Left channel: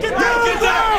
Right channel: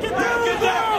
Get down!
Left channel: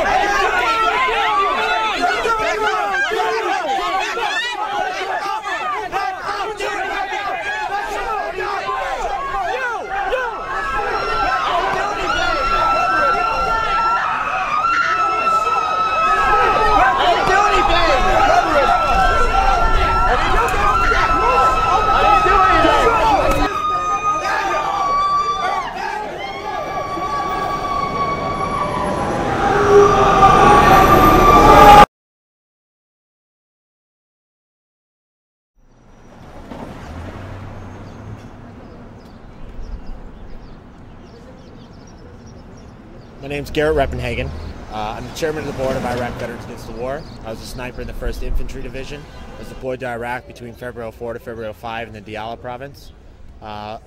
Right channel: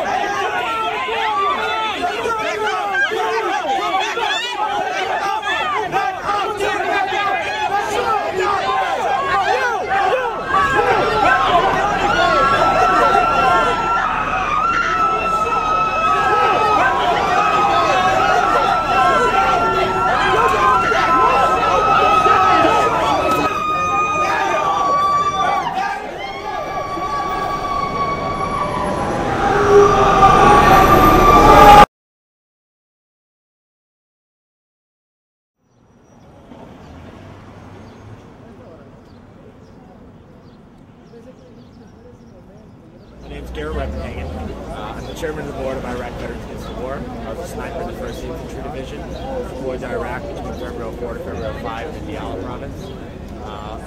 My name's Garrett Reppenhagen. I'm the chairman of the board of Iraq Veterans Against the War. I was a sniper in the 1st Infantry Division. I was deployed to Iraq between February 4 to February 5 in the Danya province.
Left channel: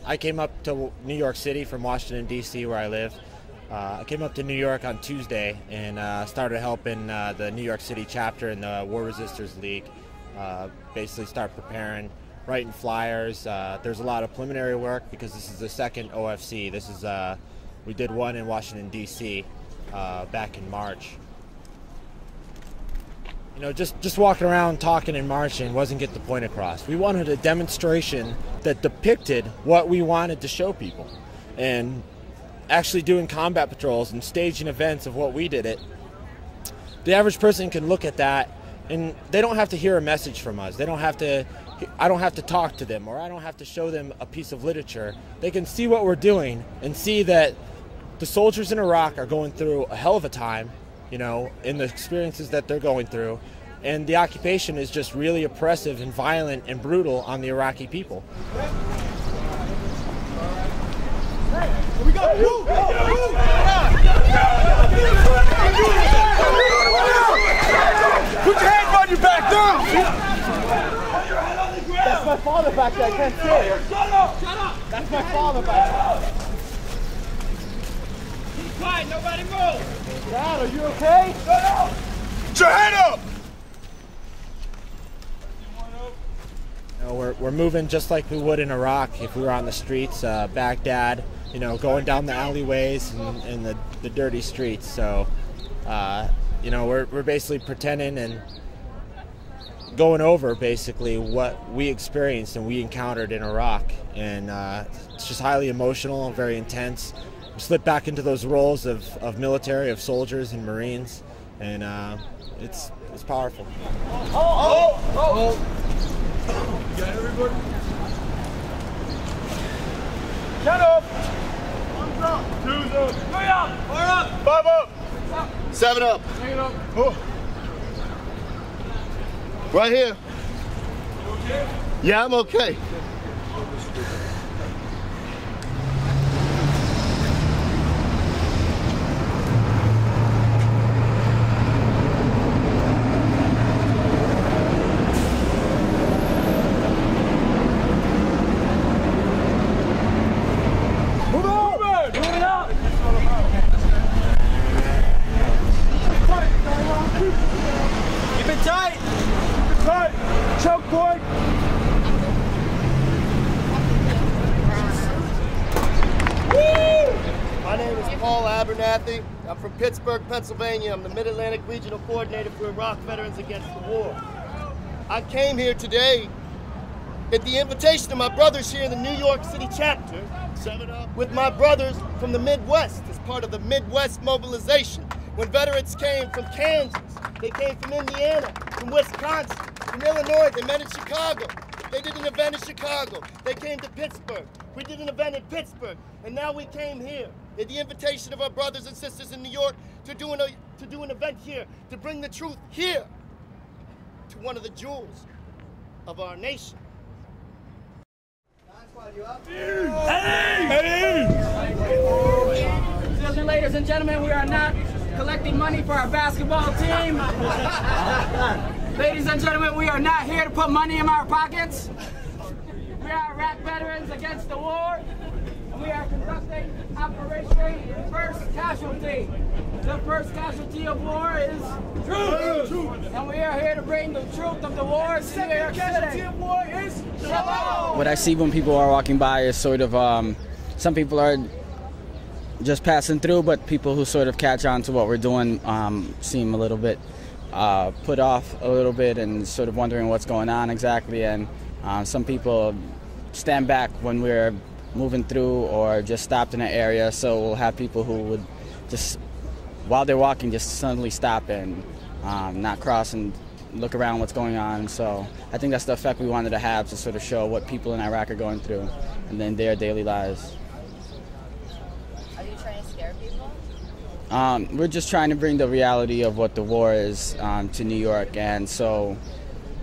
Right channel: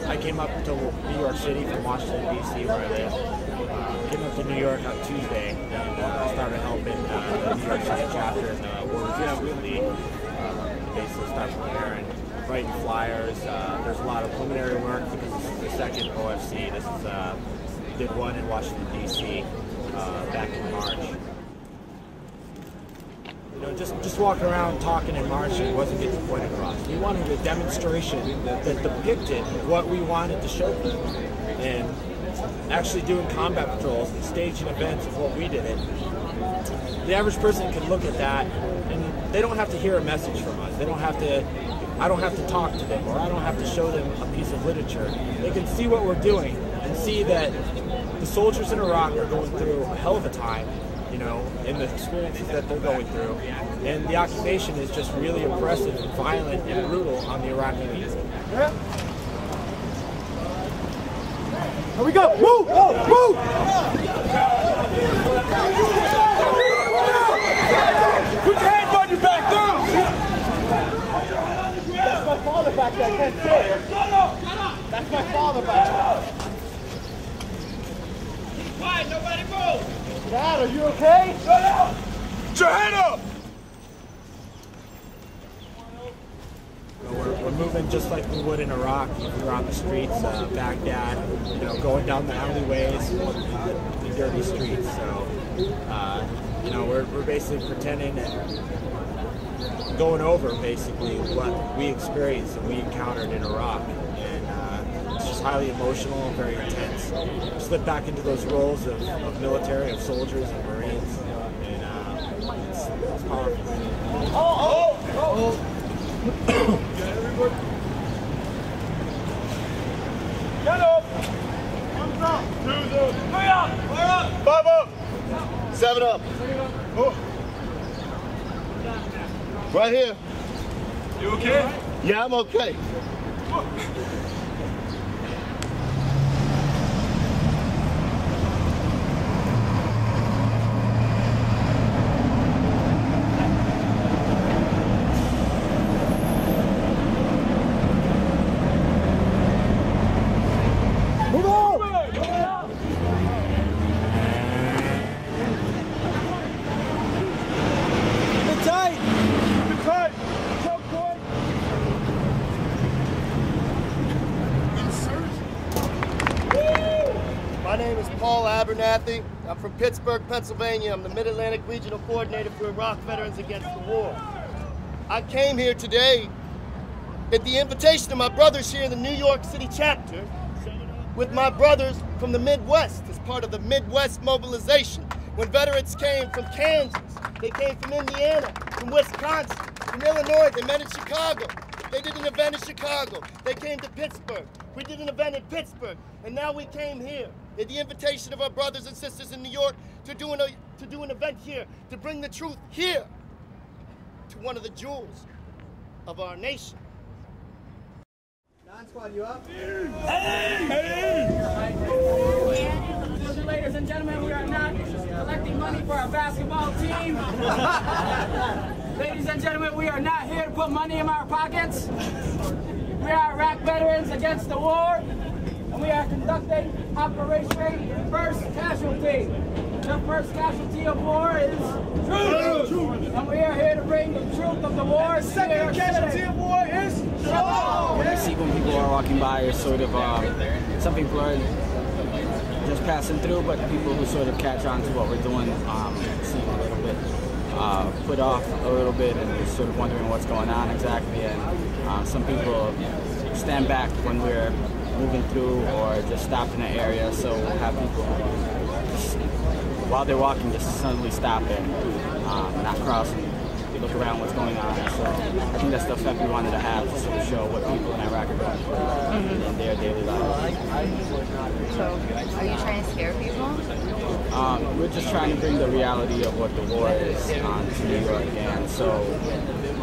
I came up to New York City from Washington, D.C., where I live. Came up to New York on Tuesday and started helping the New York City chapter in the War Resistance League. Basically start preparing, writing flyers. There's a lot of preliminary work because this is the second OFC. This is we did one in Washington, D.C. Back in March. You know, just walking around talking and marching wasn't getting the point across. We wanted a demonstration that depicted what we wanted to show people. And actually doing combat patrols and staging events of what we did it, the average person can look at that and they don't have to hear a message from us. They don't have to, I don't have to talk to them, or I don't have to show them a piece of literature. They can see what we're doing and see that the soldiers in Iraq are going through a hell of a time, you know, in the experiences that they're going through. And the occupation is just really oppressive and violent and brutal on the Iraqi people. Here we go! Move! Move! Put your hands on your back down! That's my father back there, I can't see it. That's my father back there. He's fine, nobody move! Dad, are you okay? Put your head up! We're moving just like we would in Iraq if we were on the streets, Baghdad, you know, going down the alleyways and the dirty streets. So, you know, we're basically pretending and going over basically what we experienced and we encountered in Iraq. And it's just highly emotional, very intense. We slip back into those roles of military, of soldiers and Marines, and it's powerful. Get everybody. Get up! 3 up! 5 up! 7 up! Right here. You okay? Yeah, I'm okay. Tight! Tight! Choke point! My name is Paul Abernathy. I'm from Pittsburgh, Pennsylvania. I'm the Mid-Atlantic Regional Coordinator for Iraq Veterans Against the War. I came here today at the invitation of my brothers here in the New York City chapter with my brothers from the Midwest as part of the Midwest mobilization. When veterans came from Kansas, they came from Indiana, from Wisconsin, from Illinois, they met in Chicago. They did an event in Chicago. They came to Pittsburgh. We did an event in Pittsburgh. And now we came here at the invitation of our brothers and sisters in New York to do an event here, to bring the truth here to one of the jewels of our nation. You up? Hey! Ladies and gentlemen, we are not collecting money for our basketball team. Ladies and gentlemen, we are not here to put money in our pockets. We are Iraq Veterans Against the War, and we are conducting Operation First Casualty. The first casualty of war is truth. And we are here to bring the truth of the war. Second casualty of war is shalom. What I see when people are walking by is sort of, some people are just passing through, but people who sort of catch on to what we're doing seem a little bit put off a little bit and sort of wondering what's going on exactly. And some people stand back when we're moving through or just stopped in an area. So we'll have people who just, while they're walking, just suddenly stop and not cross and look around what's going on. So I think that's the effect we wanted to have, to sort of show what people in Iraq are going through in their daily lives. So are you trying to scare people? We're just trying to bring the reality of what the war is to New York. And so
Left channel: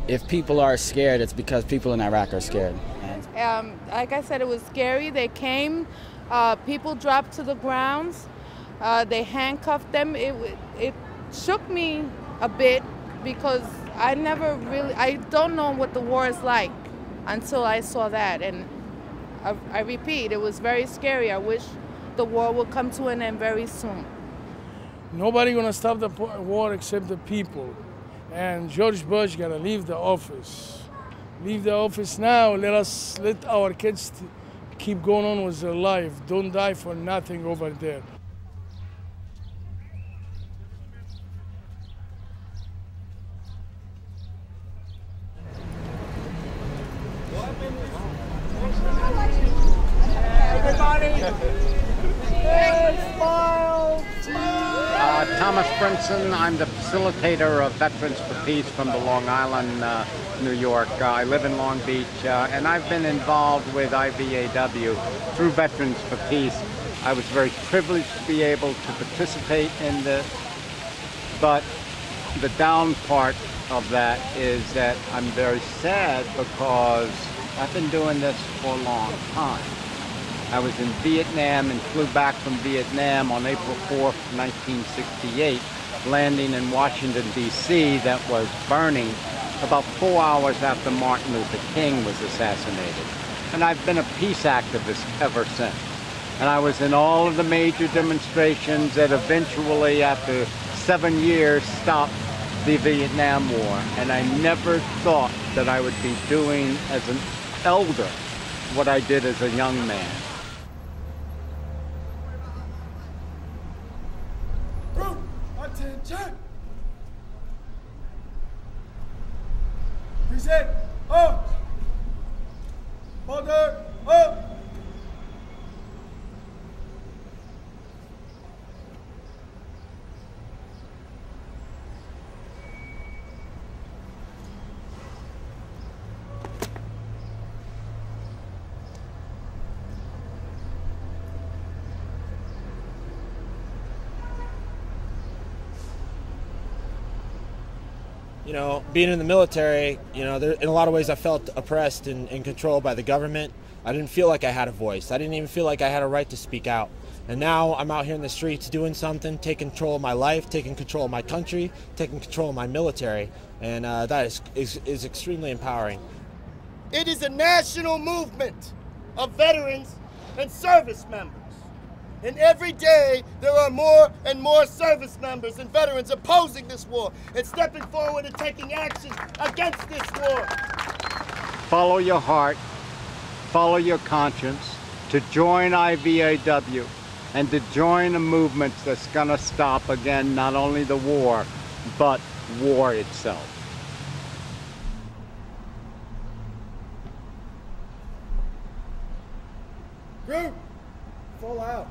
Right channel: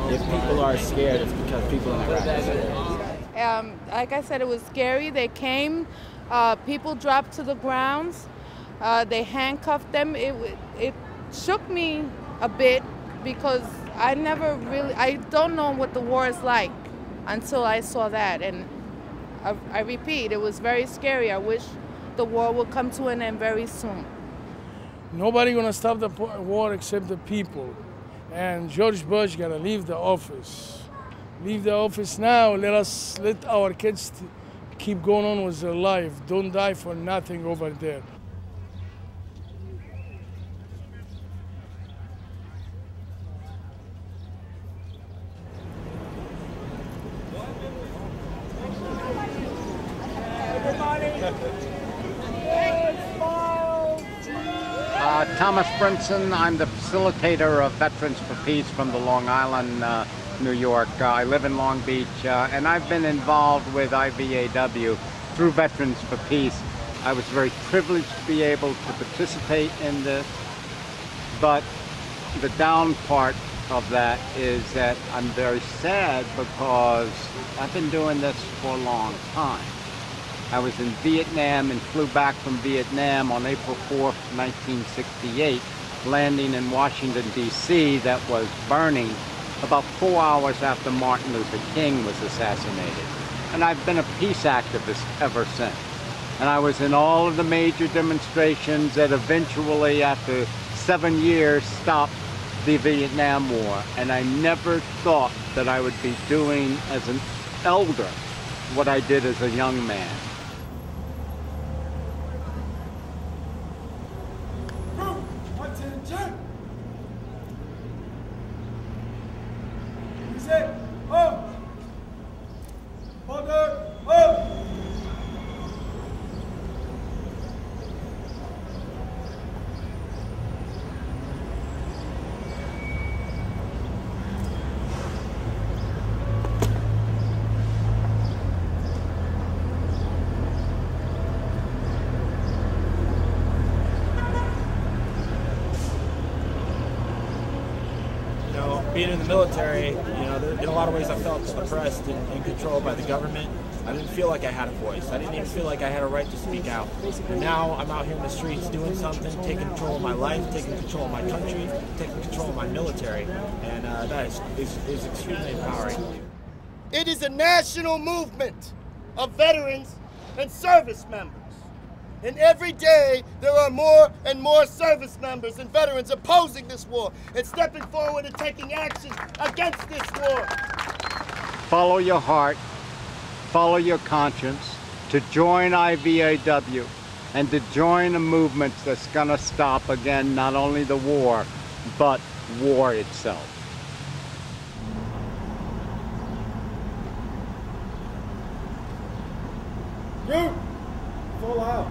if people are scared, it's because people in Iraq are scared. Like I said, it was scary. They came, people dropped to the ground, they handcuffed them. It shook me a bit because I don't know what the war is like until I saw that. And I repeat, it was very scary. I wish the war would come to an end very soon. Nobody gonna stop the war except the people. And George Bush gotta leave the office. Leave the office now. Let our kids keep going on with their life. Don't die for nothing over there. Thomas Brenson, I'm the facilitator of Veterans for Peace from the Long Island, New York. I live in Long Beach, and I've been involved with IVAW through Veterans for Peace. I was very privileged to be able to participate in this, but the down part of that is that I'm very sad because I've been doing this for a long time. I was in Vietnam and flew back from Vietnam on April 4th, 1968, landing in Washington, D.C. that was burning about 4 hours after Martin Luther King was assassinated. And I've been a peace activist ever since. And I was in all of the major demonstrations that eventually, after 7 years, stopped the Vietnam War. And I never thought that I would be doing as an elder what I did as a young man. Being in the military, in a lot of ways I felt oppressed and controlled by the government. I didn't feel like I had a voice. I didn't even feel like I had a right to speak out. And now I'm out here in the streets doing something, taking control of my life, taking control of my country, taking control of my military. And that is extremely empowering. It is a national movement of veterans and service members. And every day, there are more and more service members and veterans opposing this war and stepping forward and taking action against this war. Follow your heart, follow your conscience, to join IVAW and to join a movement that's going to stop, again, not only the war, but war itself. You, full out.